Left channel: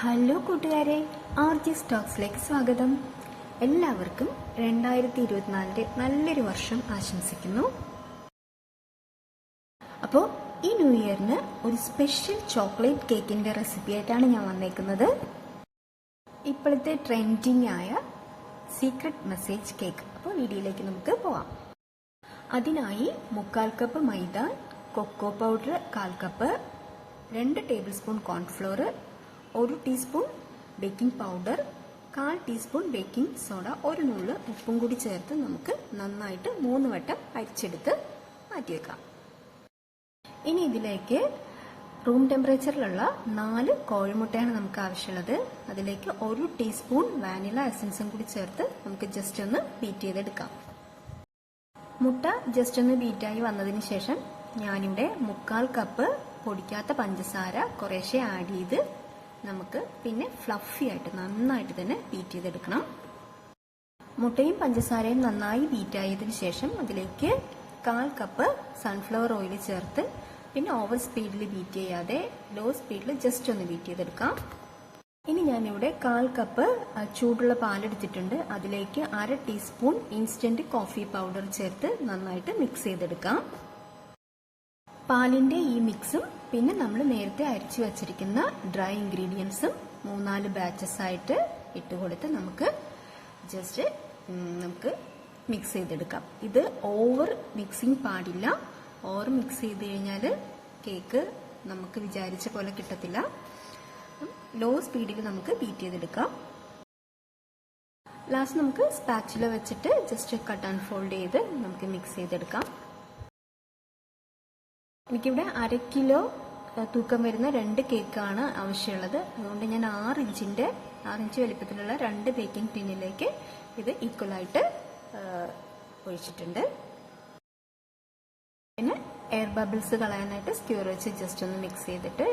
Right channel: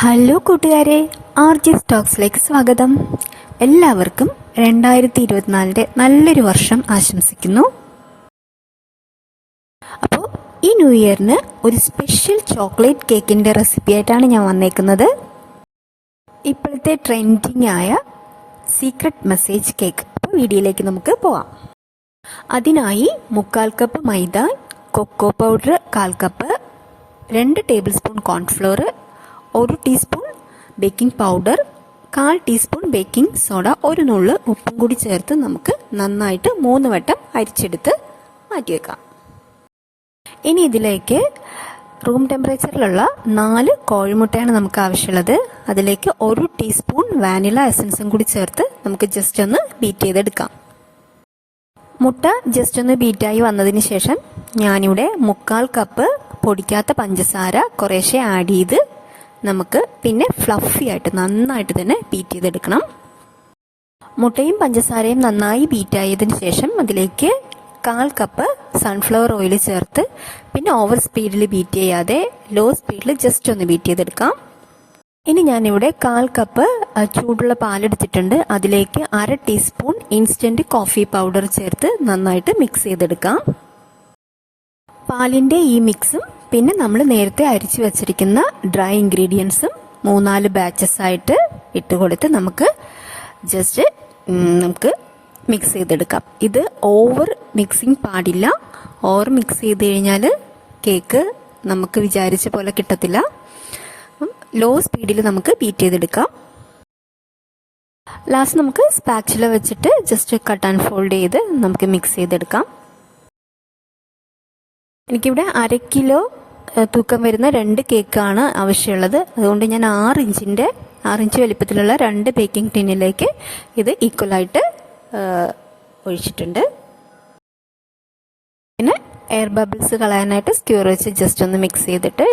Hello കൂട്ടുകാരെ R G സ്റ്റോക്സിലേക്ക് സ്വാഗതം. എല്ലാവർക്കും രണ്ടായിരത്തി ഇരുപത്തിനാലിന്റെ നല്ലൊരു വർഷം ആശംസിക്കുന്നു. അപ്പോൾ ഈ ന്യൂ ഇയറിന് ഒരു സ്പെഷ്യൽ ചോക്ലേറ്റ് കേക്കിന്റെ റെസിപ്പി ആയിട്ടാണ് ഞാൻ വന്നേക്കുന്നത്. ഇപ്പോഴത്തെ ട്രെൻഡിങ് ആയ സീക്രട്ട് മെസ്സേജ് കേക്ക്. അപ്പോൾ വീഡിയോയിലേക്ക് നമുക്ക് പോവാം. അതിനായി മുക്കാൽ കപ്പ് മൈദ കൊക്കോ പൗഡർ കാൽ കപ്പ് രണ്ട് ടേബിൾ സ്പൂൺ കോൺഫ്ലോർ ഒരു ടീസ്പൂൺ ബേക്കിംഗ് പൗഡർ കാൽ ടീസ്പൂൺ ബേക്കിംഗ് സോഡ ഒരു നുള്ള് ഉപ്പും കൂടി ചേർത്ത് നമുക്ക് നന്നായിട്ട് മൂന്ന് വട്ടം അരിച്ചെടുത്ത് മാറ്റി വെക്കാം. ഇനി ഇതിലേക്ക് റൂം ടെമ്പറേച്ചറിലുള്ള നാല് കോഴിമുട്ടയാണ് നമുക്ക് ആവശ്യമുള്ളത്. അതിലേക്ക് ഒരു ടീസ്പൂൺ വാനില എസൻസും കൂടി ചേർത്ത് നമുക്ക് ജസ്റ്റ് ഒന്ന് ബീറ്റ് ചെയ്തെടുക്കാം. മുട്ട ജസ്റ്റ് ഒന്ന് ബീറ്റായി വന്നതിന് ശേഷം ഞാനിവിടെ മുക്കാൽ കപ്പ് പൊടിക്കാത്ത പഞ്ചസാര കുറേശ്ശെ ആഡ് ചെയ്ത് നമുക്ക് പിന്നെ ഫ്ലഫി ആയിട്ട് നന്നായിട്ട് തന്നെ ബീറ്റ് ചെയ്തെടുക്കണം. മുട്ടയും പഞ്ചസാരയും നന്നായി ബീറ്റ് ബീറ്റായതിനു ശേഷം അതിലേക്ക് കാൽ കപ്പ് സൺഫ്ലവർ ഓയിൽ ചേർത്ത് പിന്നെ ഓവർ സ്പീഡിൽ ബീറ്റ് ചെയ്യാതെ ലോ സ്പീഡിൽ ജസ്റ്റ് ഒന്ന് ബീറ്റ് ചെയ്തെടുക്കാം. ഇനി ഞാനിവിടെ കാൽ കപ്പ് ചൂടുള്ള പാലെടുത്തിട്ടുണ്ട് അതിലേക്ക് അര ടീസ്പൂൺ ഇൻസ്റ്റന്റ് കോഫി പൗഡർ ചേർത്ത് നന്നായിട്ട് മിക്സ് ചെയ്തെടുക്കാം. പാലിന്റെ ഈ മിക്സും പിന്നെ നമ്മൾ നേരത്തെ അരിച്ചു വെച്ചിരിക്കുന്ന ഡ്രൈ ഇൻഗ്രീഡിയൻസും മൂന്നാൽ ബാച്ചസ് ആയിട്ട് ഇട്ട് കൊടുത്ത് നമുക്ക് ജസ്റ്റ് നമുക്ക് മിക്സ് ചെയ്തെടുക്കാം. ഇത് ഓവർ മിക്സിങ് പാടില്ല. ഓവർ മിക്സ് ചെയ്ത് കഴിഞ്ഞാൽ കേക്ക് നമുക്ക് വിചാരിച്ച പോലെ കിട്ടത്തില്ല. ലോ സ്പീഡിൽ നമുക്ക് ബീറ്റ് ചെയ്തെടുക്കാം. ലാസ്റ്റ് നമുക്ക് സ്പാച്ചില വെച്ചിട്ട് ജസ്റ്റ് കട്ട് ആൻഡ് ഫോൾഡ് ചെയ്ത് നമുക്ക് മിക്സ് ചെയ്തെടുക്കാം. എനിക്കിവിടെ അര കിലോ തൂക്കം വരുന്ന രണ്ട് കേക്കാണ് ആവശ്യമുള്ളത്. അതുകൊണ്ട് ഞാൻ ആറ് ഇഞ്ചിന്റെ ആറ് ഇഞ്ച് വലിപ്പത്തിലുള്ള രണ്ട് ബേക്കിംഗ് ടിന്നിലേക്ക് ഇത് ഈക്വലായിട്ട് ഒഴിച്ചിട്ടുണ്ട്. പിന്നെ എയർ ബബിൾസ് കളയാനായിട്ട് സ്ക്യൂർ വെച്ച് ജസ്റ്റ് ഒന്ന് മിക്സ് ചെയ്തിട്ട്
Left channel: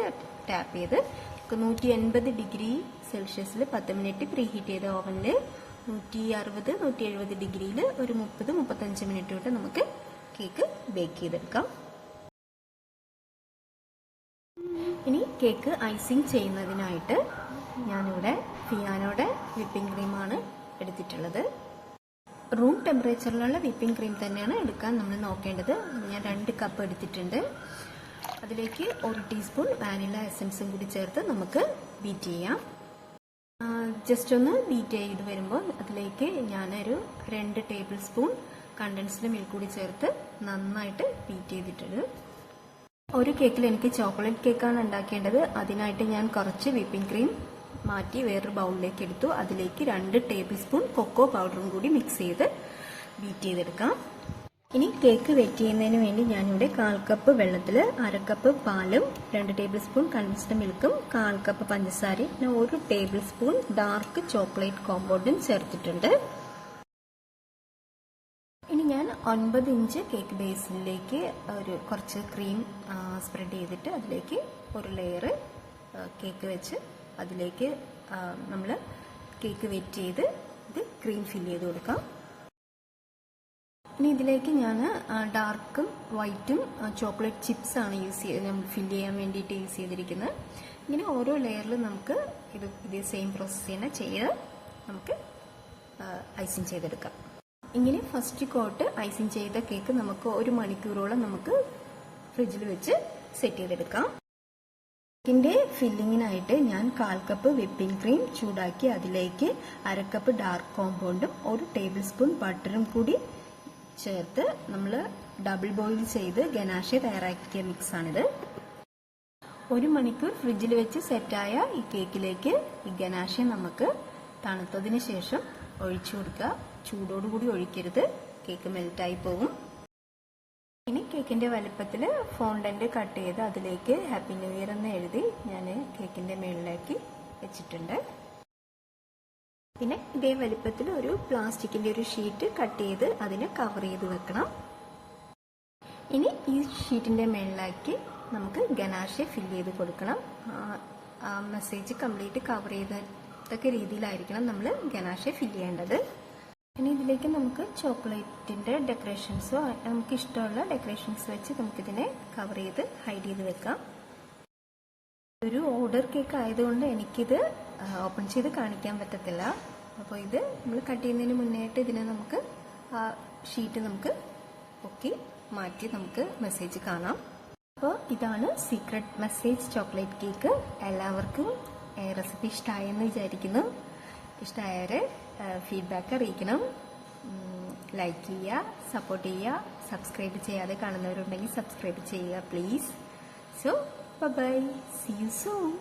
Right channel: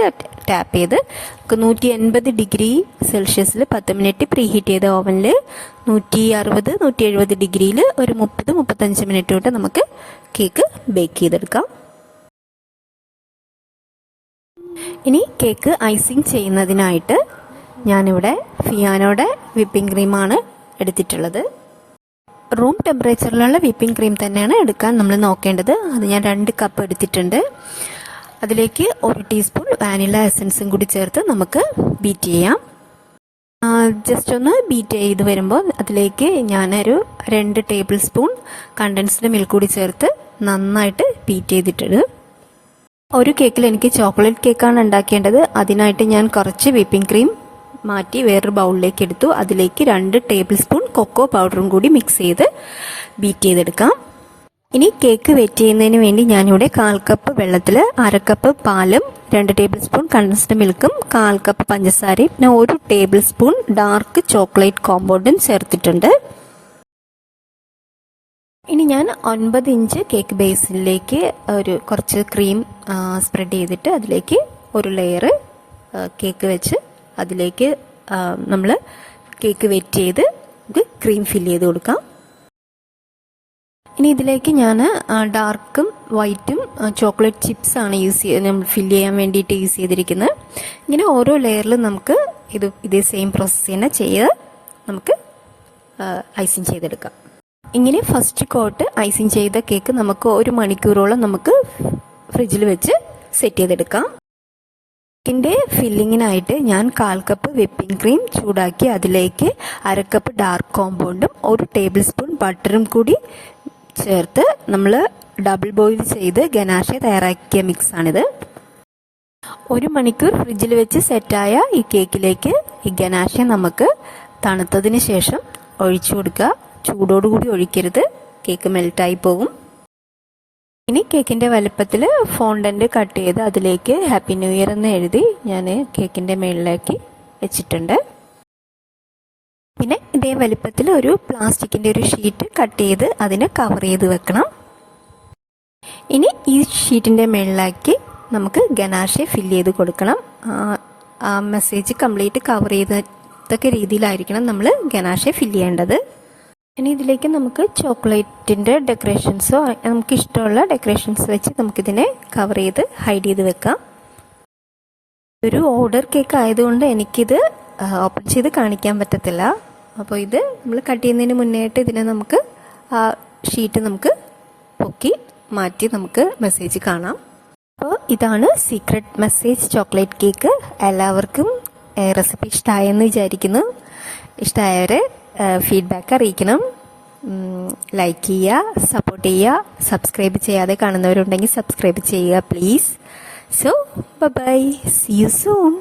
ടാപ്പ് ചെയ്ത് നൂറ്റി എൺപത് ഡിഗ്രി സെൽഷ്യസിൽ പത്ത് മിനിറ്റ് പ്രീ ഹീറ്റ് ചെയ്ത ഓവനിൽ നൂറ്റി അറുപത് നൂറ്റി എഴുപത് ഡിഗ്രിയിൽ ഒരു മുപ്പത് മുപ്പത്തഞ്ച് മിനിറ്റ് തൊട്ട് നമുക്ക് കേക്ക് ബേക്ക് ചെയ്തെടുക്കാം. ഇനി കേക്ക് ഐസിങ് ചെയ്യുന്നതിനായിട്ട് ഞാനിവിടെ ഫിയാനോടെ വിപ്പിംഗ് ക്രീമാണ് എടുത്തിട്ടുള്ളത്. റൂം ടെമ്പറേച്ചറിലുള്ള വിപ്പിംഗ് ക്രീം തന്നെയാണ് എടുക്കാൻ നമ്മൾ നോക്കേണ്ടത്. അത് ഞാൻ രണ്ട് കപ്പ് എടുത്തിട്ടുണ്ട്. അതിലേക്ക് ഒരു ടീസ്പൂൺ വാനില എസൻസും കൂടി ചേർത്ത് നമുക്ക് ബീറ്റ് ചെയ്യാം. ജസ്റ്റ് ഒന്ന് ബീറ്റ് ചെയ്ത് വരുമ്പോൾ അതിലേക്ക് ഞാനൊരു രണ്ട് ടേബിൾ സ്പൂൺ കണ്ടൻസ്ഡ് മിൽക്ക് കൂടി ചേർത്ത് നന്നായിട്ട് ബീറ്റ് ചെയ്തിട്ടുണ്ട്. ഒരു കേക്കിൽ എനിക്ക് ചോക്ലേറ്റ് കേക്കാണ് ഉണ്ടാക്കേണ്ടത്. അതിനായിട്ട് ഞാൻ കുറച്ച് വിപ്പിംഗ് ക്രീം മാറ്റി വേറൊരു ബൗളിലേക്ക് എടുത്തു. അതിലേക്ക് രണ്ട് ടേബിൾ സ്പൂൺ കൊക്കോ പൗഡറും കൂടി മിക്സ് ചെയ്ത് ബീറ്റ് ചെയ്തെടുക്കാം. ഇനി കേക്ക് വെറ്റ് ചെയ്യുന്നതിന് വേണ്ടി ഞാനിവിടെ കാൽ കപ്പ് വെള്ളത്തിൽ അര കപ്പ് പാലും രണ്ട് ടേബിൾ സ്പൂൺ കണ്ടൻസ്ഡ് മിൽക്കും കാൽ കപ്പ് പഞ്ചസാരയും പിന്നെ ഒരു ടേബിൾ സ്പൂൺ ഡാർക്ക് ചോക്ലേറ്റ് കോമ്പൗണ്ടും ചേർത്തിട്ടുണ്ട്. ഞാൻ ഒൻപത് ഇഞ്ച് കേക്ക് ബേസിലേക്ക് ഒരു കുറച്ച് ക്രീം സ്പ്രെഡ് ചെയ്തിട്ട് അതിലേക്ക് ഒരു ലെയർ കേക്ക് വെച്ച് അതിലേക്ക് നമ്മൾ കേക്ക് വെറ്റ് ചെയ്ത് ഇത് ക്രീം ഫില്ല് ചെയ്ത് കൊടുക്കാം. ഇനി ഇതിലേക്ക് ഞാൻ ഡാർക്കും വൈറ്റും ചോക്ലേറ്റ് ചിപ്സ് ആണ് യൂസ് ചെയ്ത് നമ്മൾ ഫില്ല് ചെയ്യാൻ വേണ്ടിയിട്ട് യൂസ് ചെയ്തിരിക്കുന്നത് ഇങ്ങനെ ഓരോ ലെയറിലും നമുക്ക് ഇത് ഇതേ സെയിം പ്രോസസ്സ് തന്നെ ചെയ്ത് നമുക്ക് ഐസിങ് ചെയ്തെടുക്കാം. ഇങ്ങനെ ഫസ്റ്റ് കോട്ട് ഐസിങ് ചെയ്ത കേക്ക് നമുക്ക് ഒരു മണിക്കൂറോളം നമുക്ക് ഫ്രിഡ്ജിൽ വെച്ച് സെറ്റ് ചെയ്തെടുക്കാം. കേക്കിന്റെ ഫില്ലിങ്ങിനായിട്ട് ഞാൻ കാൽ കപ്പ് വിപ്പിംഗ് ക്രീം ചൂടാക്കി അതിലേക്ക് അരക്കപ്പ് ഡാർക്ക് കോമ്പൗണ്ടും ഒരു ടേബിൾ സ്പൂൺ ബട്ടറും കൂടി ചേർത്ത് നമ്മൾ ഡബിൾ ബോയിൽ ചെയ്ത് ഗനാഷ തയ്യാറാക്കിയ മിക്സാണിത് ഒരു മണിക്കൂർ ഫ്രിഡ്ജിൽ വെച്ച് സെറ്റായ ഈ കേക്കിലേക്ക് ഈ ഗനാഷ നമുക്ക് തണുത്തതിന് ശേഷം ഒഴിച്ചു കൊടുക്കുക. ചൂടോടുകൂടി ഒഴിക്കരുത്. കേക്ക് മെൽറ്റായി പോകും. ഇനി കേക്കിന്റെ വലുപ്പത്തിൽ ഫോണ്ടന്റ് കട്ട് ചെയ്ത് അതിലേക്ക് ഹാപ്പി ന്യൂ ഇയർ എന്ന് എഴുതി ഞാൻ കേക്കിന്റെ മുകളിലേക്ക് വെച്ചിട്ടുണ്ട്. പിന്നെ ഇതേ വലുപ്പത്തിൽ ഒരു പ്ലാസ്റ്റിക്കിന്റെ ഒരു ഷീറ്റ് കട്ട് ചെയ്ത് അതിനെ കവർ ചെയ്ത് വെക്കണം. ഇനി ഈ ഷീറ്റിന്റെ മുകളിലാക്കി നമുക്ക് ഗനാഷെ ഫില്ല് ചെയ്ത് കൊടുക്കണം. ആ മെസ്സേജ് കംപ്ലീറ്റ് കവർ ചെയ്തതൊക്കെ രീതിയിലായിരിക്കണം നമ്മൾ ഗനാഷെ ഫില്ല് ചെയ്യേണ്ടത്. ഇനി ഇതിലേക്ക് നമുക്ക് ചോക്ലേറ്റിന്റെ ഡെക്കറേഷൻസോ നമുക്ക് ഇഷ്ടമുള്ള ഡെക്കറേഷൻസ് വെച്ച് നമുക്കിതിനെ കവർ ചെയ്ത് ഹൈഡ് ചെയ്ത് വെക്കാം. ഒരു ഓർഡർ കേക്ക് ആയതുകൊണ്ട് എനിക്കിത് ഓപ്പൺ ചെയ്ത് കാണിക്കാൻ പറ്റത്തില്ല. അപ്പോൾ ഇത് നമ്മൾ കട്ട് ചെയ്യുന്നതിന് മുന്നേയായിട്ട് ഇതിനെ നമുക്ക് ആ ഷീറ്റ് നമുക്ക് പൊക്കി മാറ്റി നമുക്ക് മെസ്സേജ് കാണാം. അപ്പോൾ ഇതാണ് സീക്രട്ട് മെസ്സേജ് ചോക്ലേറ്റ് കേക്ക്. എല്ലാവർക്കും റെസിപ്പി ഇഷ്ടമായെന്ന് വിചാരിക്കുന്നു. ഇഷ്ടമായവരെ ഫീഡ്ബാക്ക് അറിയിക്കണം. ലൈക്ക് ചെയ്യുക സപ്പോർട്ട് ചെയ്യുക സബ്സ്ക്രൈബ് ചെയ്യാതെ കാണുന്നവരുണ്ടെങ്കിൽ സബ്സ്ക്രൈബ് ചെയ്യുക please so bye see you soon